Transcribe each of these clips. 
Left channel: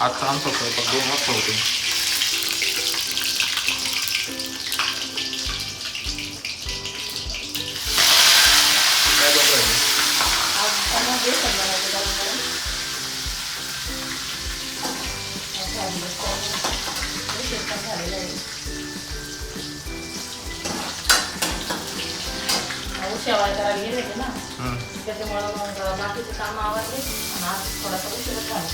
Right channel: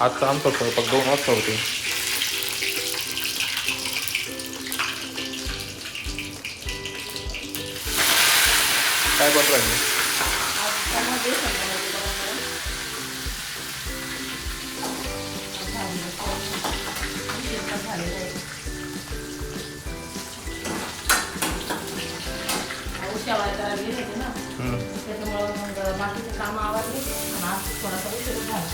आजचा आमचा स्वयंपाक 2 वाजता होते. काय बनवायचं? शेवाळ करायला गेले होते ना, त्याच्यामुळं मग बाकीचे कामं आवडले. थोडासा उशीर झाला.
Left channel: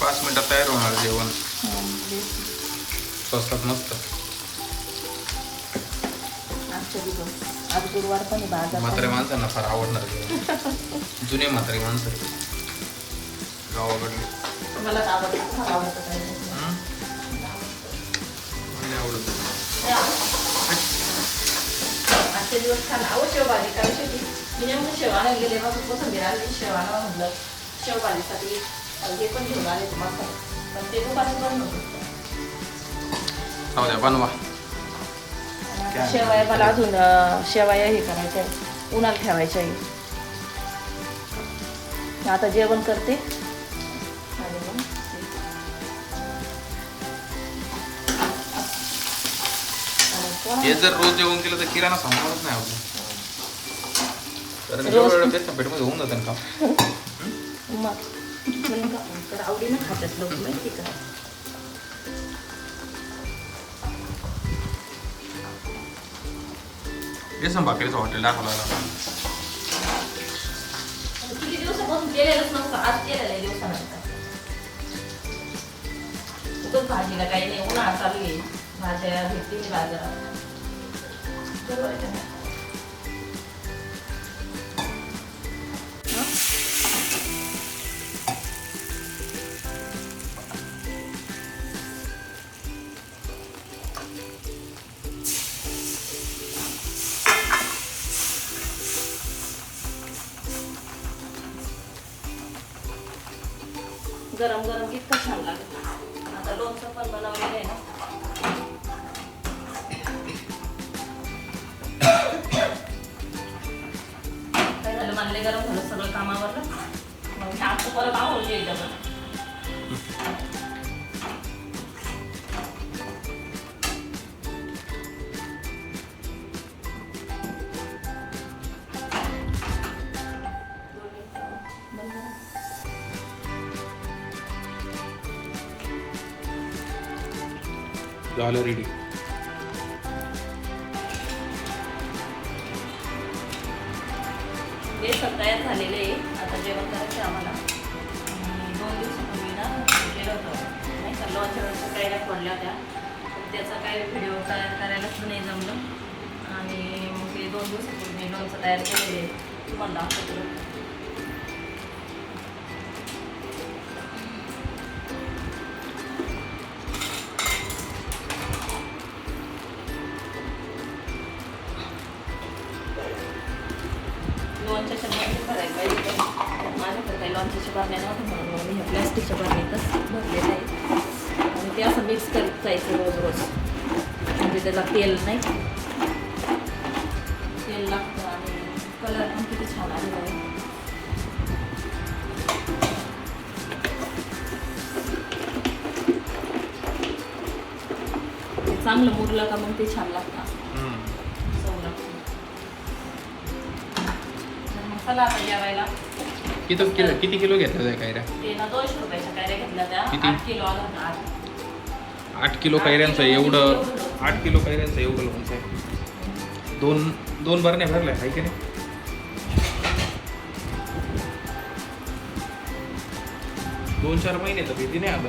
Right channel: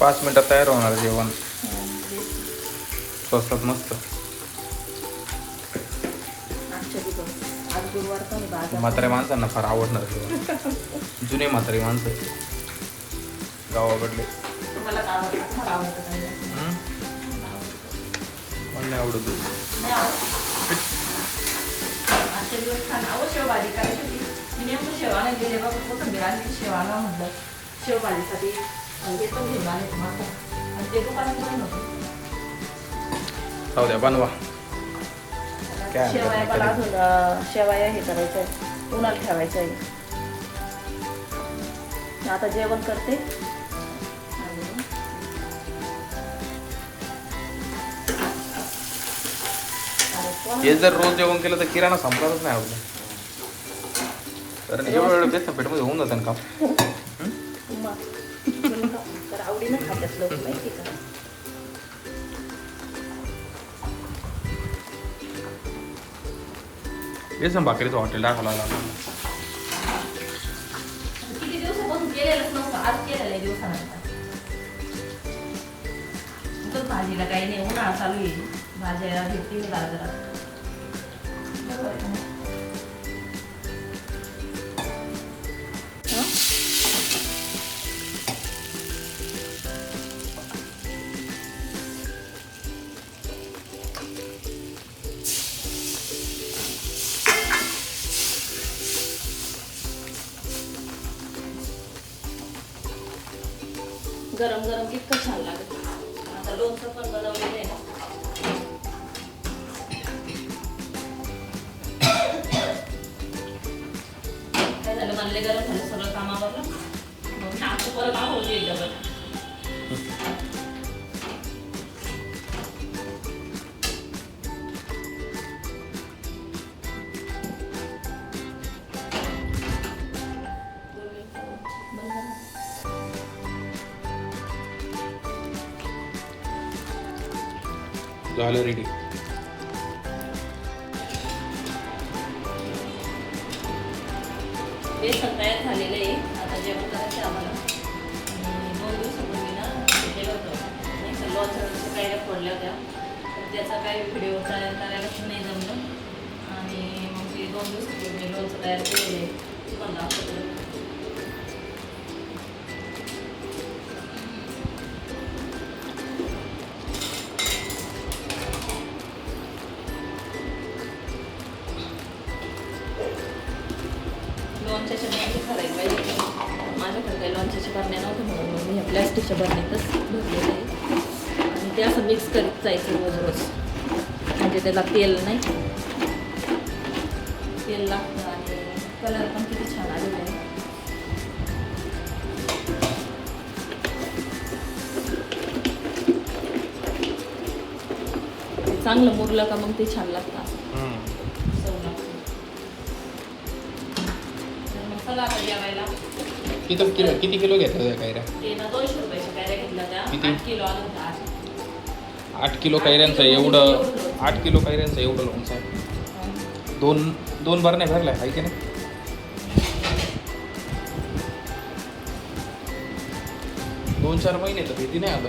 पाच मिनिटात तयार होणार जेवण. स्वस्तात मस्त. म्हाताऱ्या माणसांना फार आवडणार जेवण. जुने म्हातारी माणसं गावाकडले. मला आवडतं, फार आवडतं. मला आवडत. आजचे दिवस खाणं आवड शेवभाजी करायची होती. मी नेमकं शेव आणायला गेले बघ, कोथिंबीर आणली, शेव आणा म्हटलं शेवभाजीसाठी. ते पण घेऊन आले तर मस्त, पण ते दुकानात पण नव्हतं. जाऊ द्या, बनवा. शेवया मला अजून शेवया हे करायच्या, उन्हात ठेवायच्या. आता जेवण करते. हे जर रोज जेवण केलं तर किराणा संपणारच नाही आपलं. कारण एवढं बेस्ट पेटमध्ये होऊन जातं ना काम. तर आवडीनं खातात लोक माहिती का. बेसन भाकरीचं हॉटेल दाखवलं आपल्याला. किती दिवसापासून केलेलंच नसतं, आज केलेलं आहे दिवसानंतर. इथंच भाजीला काही नाही, उन्हाळा चालू आहे. भाज्या भेटतील बाजारात. बरोबर आहे का नाही? गरम गरम कितकं छान लागेल. आता लोणचं पण बनवलेलं आहे ना. काय झालं, बनले गरम झालं सगळं कामावरलं. मग आज परत आवडलं एक डबल. झालं रेडी. बेसन तयार झालेले आहे. आता जेवण करायचं आम्हाला. आणि 2 दिवसापूर्वी ना गेलं होतं नाही का, लोणचं काही फोडल्या होत्या, तर त्याचा काही व्हिडिओ तयार करायला पण नाही जमलं. आणि मग ते 2 दिवसापूर्वी लोणचं तयार केलेले आहे, तुम्हाला दाखवतो. लोणच्याच्या बरणी भरायला पाहिजे. माझ्याकडे काही लोणच्याच्या बरण्या नव्हत्या, म्हणून मी ह्या प्लॅस्टिकच्या बरणीतच भरलेलं आहे. आणि ते असं मिक्स करत जायचं रोज रोज, म्हणजे त्याला तेल नाही, तेल लागतं. आणि कलर पण किती छान आलेला आहे. ते चांगलं मुरलं का मग ते छान लागतं. चला आता जेवायला. किती किलो घेतलं त्या कैऱ्या? ते ना 200 रुपयाच्या कैऱ्या घेतल्या त्या. 8 किलो आलं होतं. 8 किलो कैऱ्यांचं एवढं. 8 किलो कैऱ्यांचं एवढं लोणचं आहे. दोन बरण्या भरल्या आहे की नाही? दोन 4 महिने तर भीती नाही आलं.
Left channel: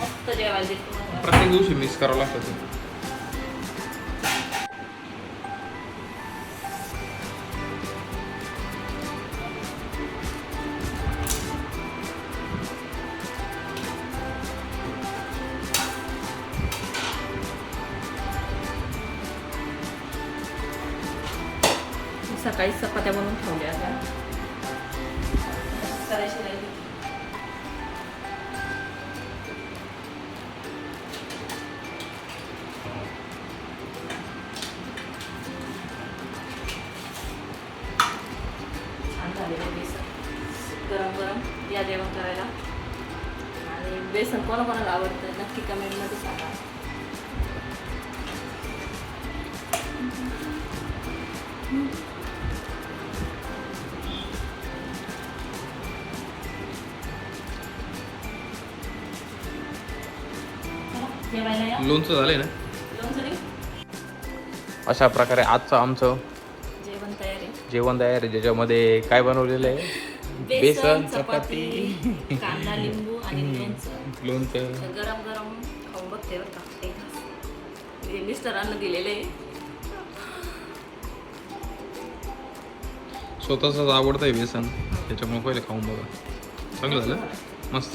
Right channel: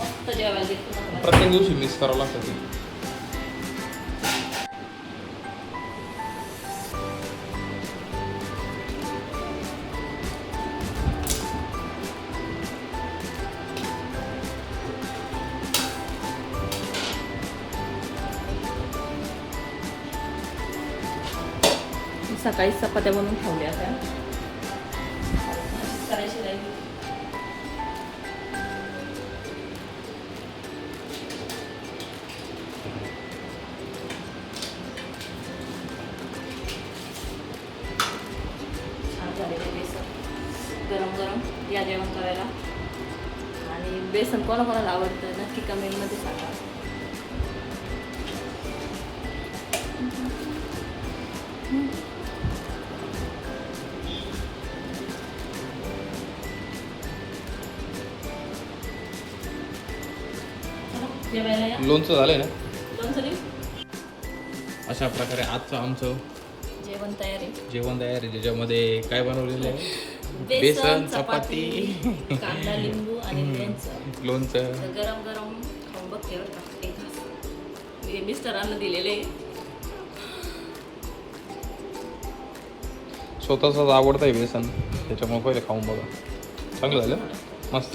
मस्त जेवायला देतो. प्रत्येक दिवशी मिस करावं लागतं ते. सकाळी चपात्या बनवून ठेवल्या त्या. करायची राहील. छान झालेलं आहे बेसन. गरम गरम या जेवण करायला. आणि बेसन कोणाकोणाला आवडतं नक्की कमेंटमध्ये सांगा. जेवायला या. लोणचं झालंय ना. लोणचं नाही? अशा प्रकारे आजचं आमचं जेवण तयार आहे. जेवण तयार आहे, ज्याच्यामध्ये काय बनवलेलं आहे? बेसन, चपाती, कांदा, लिंबू आणि लोणचं. लोणचं. तर गरम गरम खाऊन बघते बरं का. एक घास. हे मिस्टरांना दिलेले आहे. स्वतःच आवडतं आहे बेसन, त्याच्यामुळे पहिले खाऊन बघा. चांगलं झालं, मस्त.